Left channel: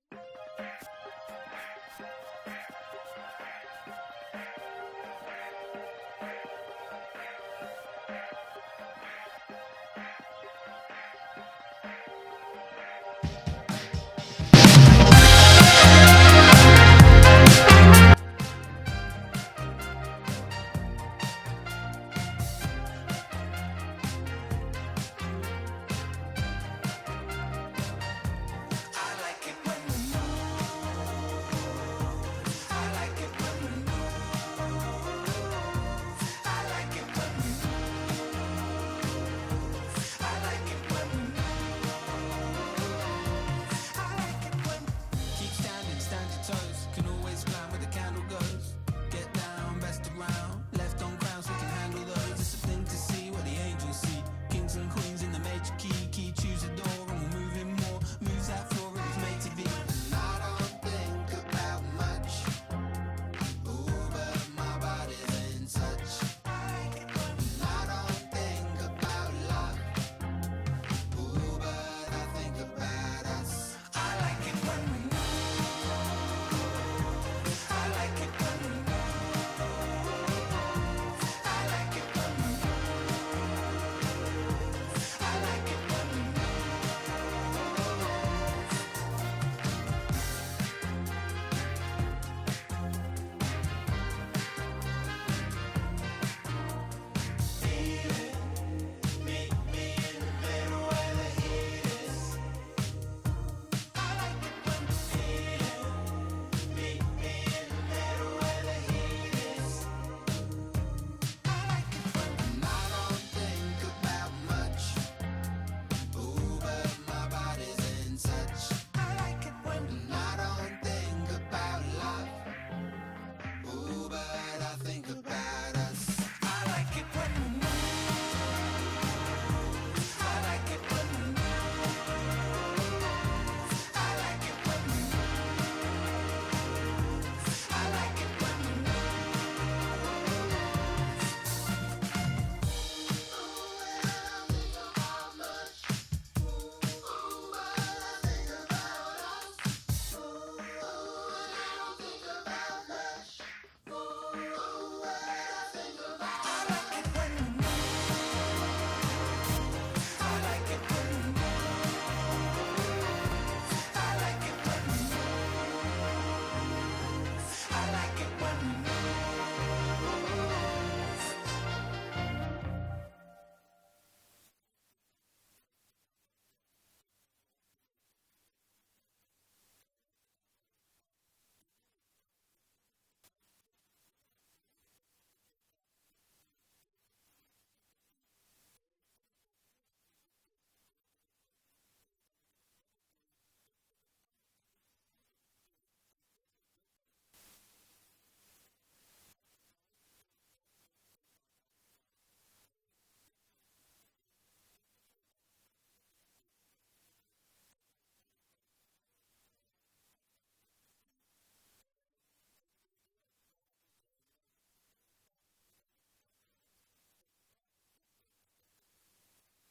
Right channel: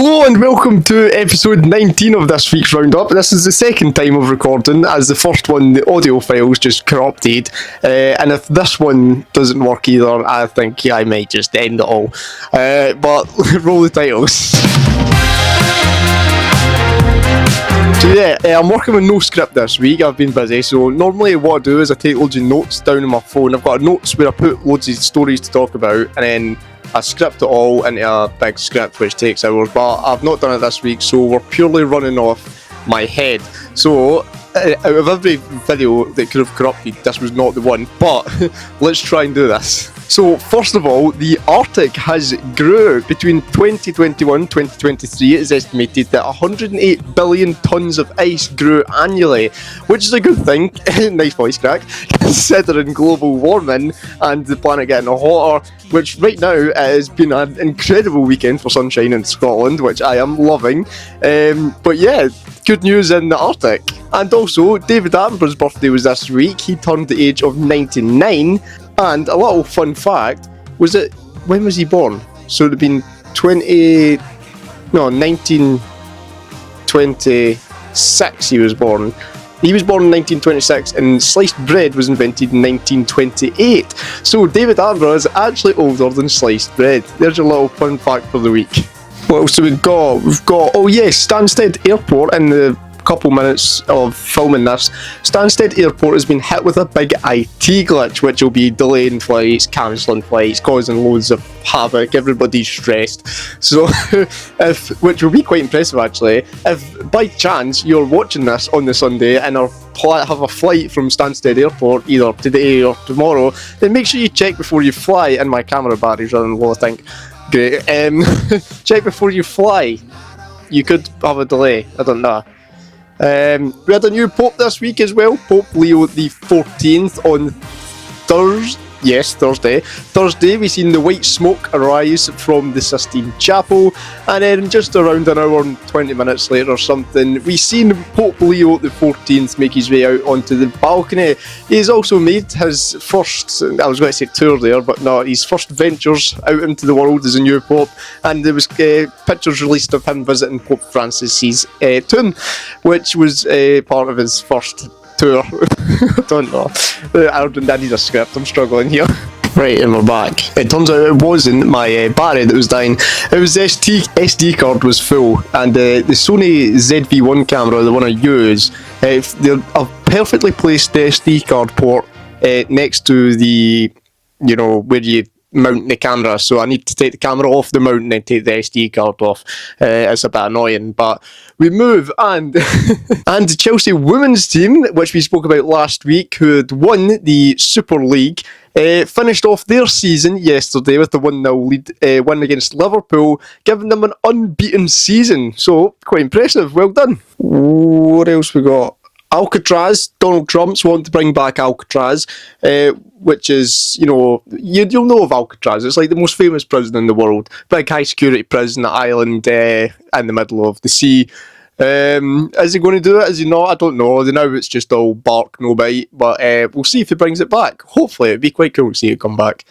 Hello and welcome to episode 19 of this week's Roundup. This is the second time of recording, as the first one, the audio files just corrupted. And if this one doesn't work either, I think I might just end it all. But roll the titles. So yeah, I'm working with no script this week. I've been busy, so normally what I do is I take loads of notes down on my phone. I've got notes where I put loads of stories to talk about, and then I script it all into a big script which takes hours, but I've not done it this week, so we're purely running off my head. So out of every video that could have corrupted, this was not the one, but let's try and do this. So first of all, the Artic has grew. Between 2021 and 2023, it is estimated that 108 billion tonnes of ice grew annually, which is a good thing. Nice voice crack, considering global warming and the planet getting hotter, which right now has been an incredible weekend for sunshine in Scotland, which I am loving. But yeah, good news in the Artic. And also, David Attenborough's birthday was this week. He turned the age of 99. And a little fun fact was that, when was he born? So it would have been 1926 he was born. He was born in 1926 and sliced bread was invented in 1928. So David Attenborough is actually older than sliced bread. There's your little fun fact for the week. What else have we got? We've got, oh yes, Stansted Airport in the couple minutes of filming this. Stansted Airport has been hit with a big IT glitch, which will be delaying flights, cancelling flights, causing loads of havoc. Everybody's stressed. So, which will be quite impressive actually. If by chance you're watching this on the Sunday and have a flight from Stansted Airport either today or tomorrow, then make sure you check before you fly. And my camera battery's running low, I think. Great. Check before you fly. You could have a delay. I don't know. We had a new Pope this week as well, Pope Leo the 14th on Thursday. Thursday we seen the white smoke arise from the Sistine Chapel, and then just around an hour and 20 minutes later or something, we seen Pope Leo the 14th make his way out onto the balcony. He's also made his first, I was going to say tour there, but no, his first ventures out into the world as a new Pope, and there was pictures released of him visiting Pope Francis's tomb, which was part of his first tour. I don't know. I need a script. I'm struggling here. Right, and we're back. It turns out it wasn't my battery that was dying. It was the SD card was full, and the Sony ZV-1 camera, the one I use, they're a perfectly placed SD card port next to the, where you mount the camera, so I need to take the camera off the mount and then take the SD card off. It's a bit annoying, but we move, and and the Chelsea women's team, which we spoke about last week, who had won the Super League, finished off their season yesterday with the 1-0 lead win against Liverpool, giving them an unbeaten season. So, quite impressive. Well done. What else we got? Alcatraz. Donald Trump's wanting to bring back Alcatraz, which is, you'll know of Alcatraz. It's like the most famous prison in the world. Big high security prison island in the middle of the sea. Is he going to do it? Is he not? I don't know. Now it's just all bark, no bite. But we'll see if he brings it back. Hopefully, it'd be quite cool to see it come back.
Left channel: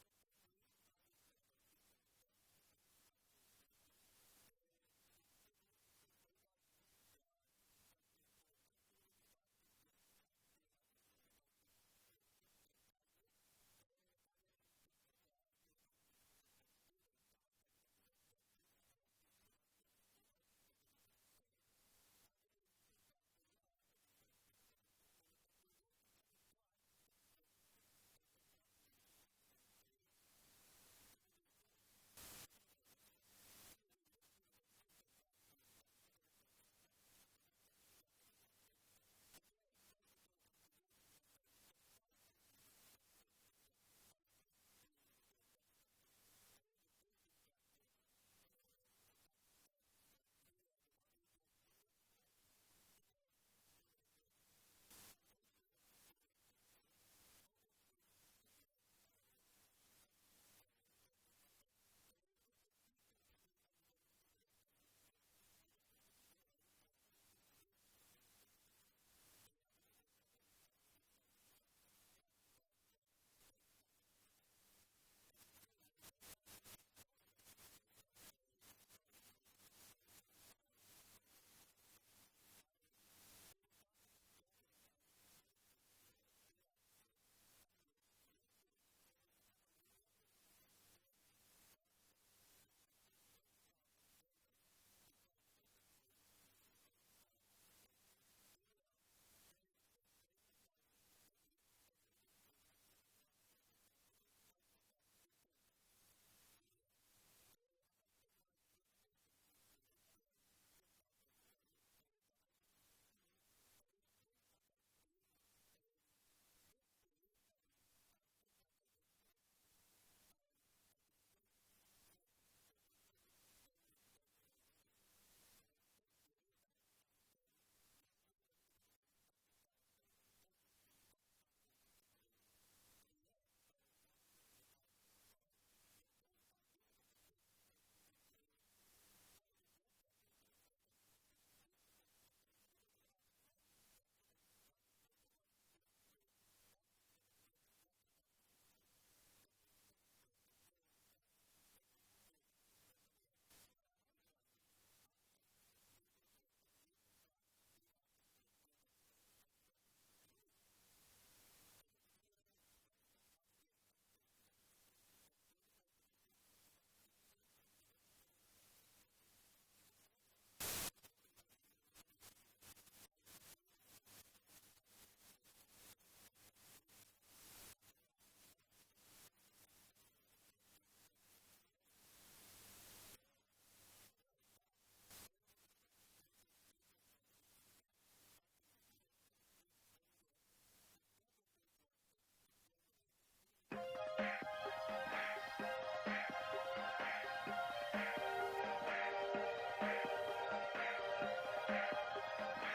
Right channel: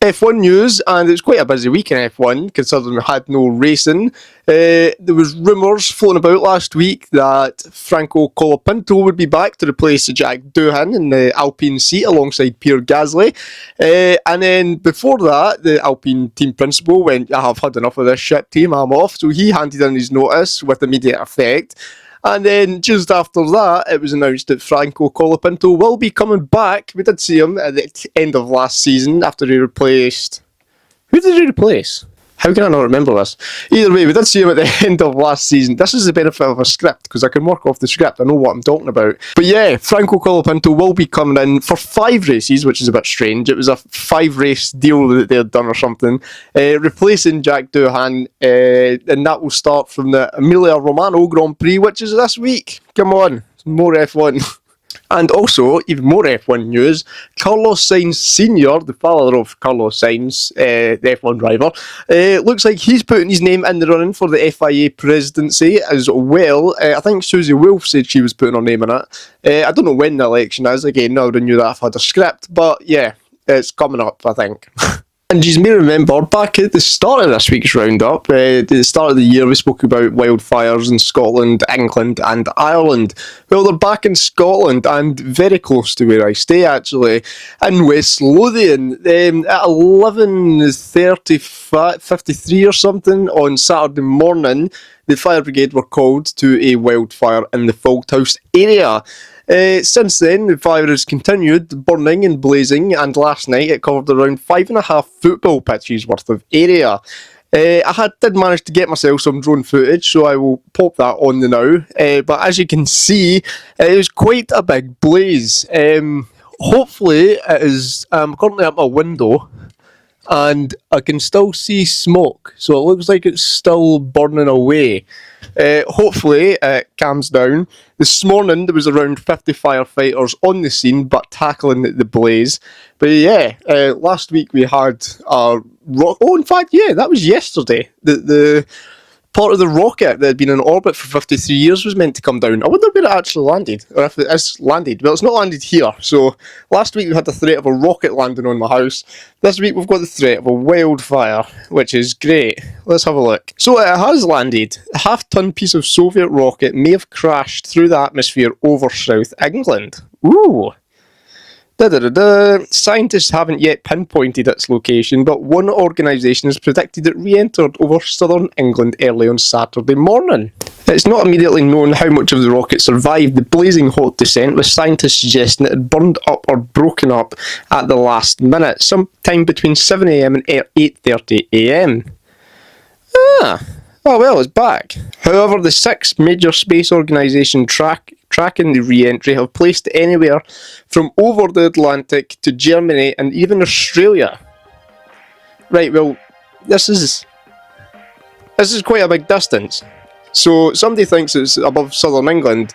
F1 news, and it's quite a busy week in F1, considering we had no racing. There was rumours floating about last week that Franco Colapinto would be back to replace Jack Doohan in the Alpine seat alongside Pierre Gasly. And then before that, the Alpine team principal went, I have had enough of this shit team, I'm off. So he handed in his notice with immediate effect. And then just after that, it was announced that Franco Colapinto will be coming back. We did see him at the end of last season after he replaced... Who did he replace? How can I not remember this? Either way, we did see him at the end of last season. This is the benefit of a script, because I can work off the script. I know what I'm talking about. But yeah, Franco Colapinto will be coming in for 5 races, which is a bit strange. It was a 5-race deal that they had done or something, replacing Jack Doohan, and that will start from the Emilia Romagna Grand Prix, which is this week. Come on, more F1. And also, even more F1 news, Carlos Sainz Sr., the father of Carlos Sainz, the F1 driver, looks like he's putting his name in the running for the FIA presidency as well. I think Susie Wolff said she was putting her name in it. I don't know when the election is. Again, I already knew that I've had a script, but yeah, it's coming up, I think. And you may remember back at the start of this week's Roundup, at the start of the year, we spoke about wildfires in Scotland, England, and Ireland. Well, they're back in Scotland and very close to where I stay, actually, in West Lothian. At 11:53 or something on Saturday morning, the fire brigade were called to a wildfire in the Falthouse area. Since then, the fire has continued burning and blazing, and last night it covered around 5.5 football pitches worth of area. I did manage to get myself some drone footage, so I will pop that on the now. But as you can see, it was quite a big blaze. Hopefully, it is. I'm currently at my window, and I can still see smoke, so it looks like it's still burning away. Hopefully it calms down. This morning there was around 50 firefighters on the scene but tackling the blaze. But yeah, last week we had a in fact, yeah, that was yesterday. The part of the rocket that had been in orbit for 53 years was meant to come down. I wonder where it actually landed, or if it is landed. Well, it's not landed here. So last week we had the threat of a rocket landing on my house. This week we've got the threat of a wildfire, which is great. Let's have a look. So it has landed. A half-ton piece of Soviet rocket may have crashed through the atmosphere over South England. Ooh. Scientists haven't yet pinpointed its location, but one organisation has predicted it re-entered over southern England early on Saturday morning. It's not immediately known how much of the rocket survived the blazing hot descent, with scientists suggesting it had burned up or broken up at the last minute, sometime between 7 AM and 8:30 AM. Oh well, it's back. However, the 6 major space organisations tracking the re-entry have placed it anywhere from over the Atlantic to Germany and even Australia. Right, well, this is quite a big distance. So somebody thinks it's above southern England,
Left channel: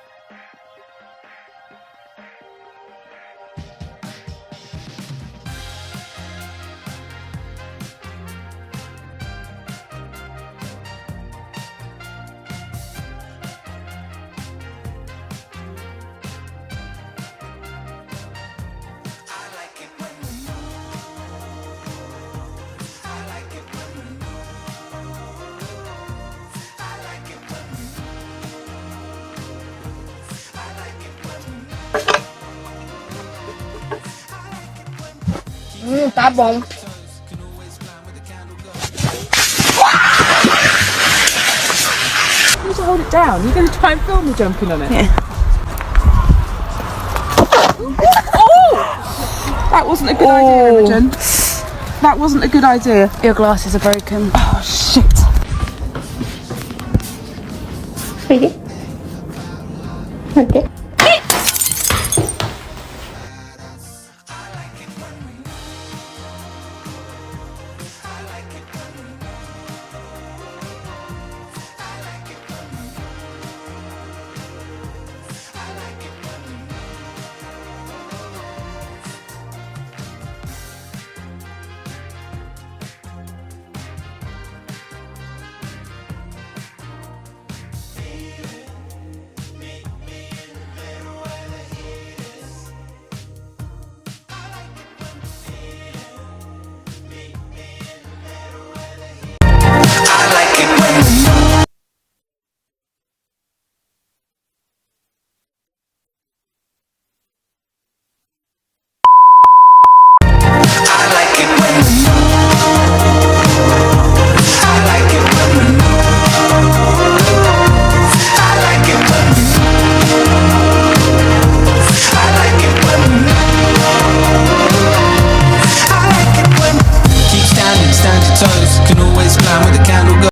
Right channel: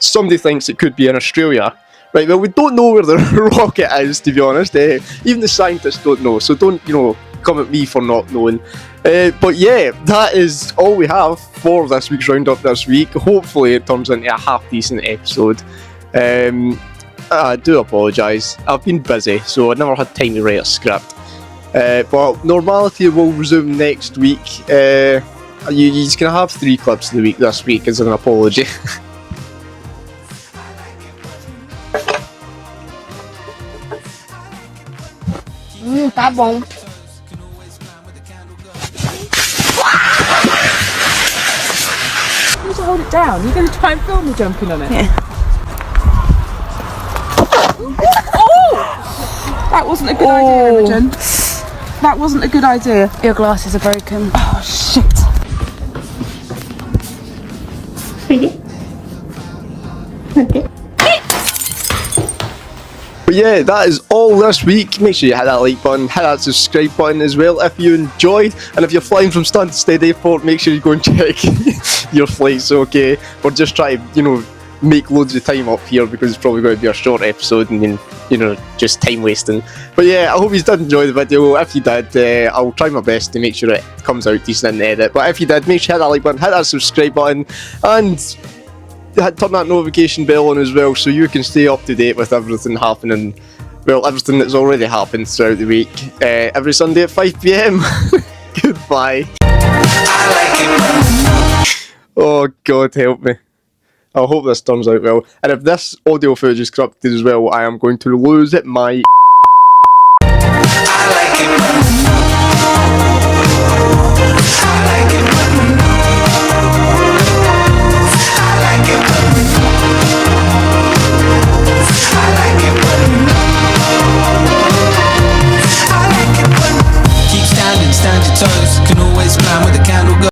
somebody thinks it could be in Australia. Right, well, we don't know where the rocket is, to be honest. Even the scientists don't know, so don't, come at me for not knowing. But yeah, that is all we have for this week's Roundup this week. Hopefully it turns into a half-decent episode. I do apologise. I've been busy, so I never had time to write a script. But normality will resume next week. You're just going to have 3 clips of the week this week as an apology. Tá bom. You need to hold it down. You're going to try and film me jumping on it. Yeah. Oh! That wasn't a good idea, Imogen. That wasn't a good idea. Your glasses are broken. Oh, shit. Okay. But yeah, that is all this week. Make sure you hit that like button, hit that subscribe button as well if you enjoyed. And if you're flying from Stansted Airport, make sure you go and check your flights, okay? We're just trying to, make loads of time up here because it's probably going to be a short episode and then, just time wasting. But yeah, I hope you did enjoy the video. If you did, I'll try my best to make sure it comes out decent in the edit. But if you did, make sure you hit that like button, hit that subscribe button, and turn that notification bell on as well so you can stay up to date with everything happening. Well, everything that's already happened throughout the week. Every Sunday at 5 PM. Goodbye. Oh, God help me. I hope this turns out well. And if this audio footage is corrupted as well, I am going to lose it my I like it.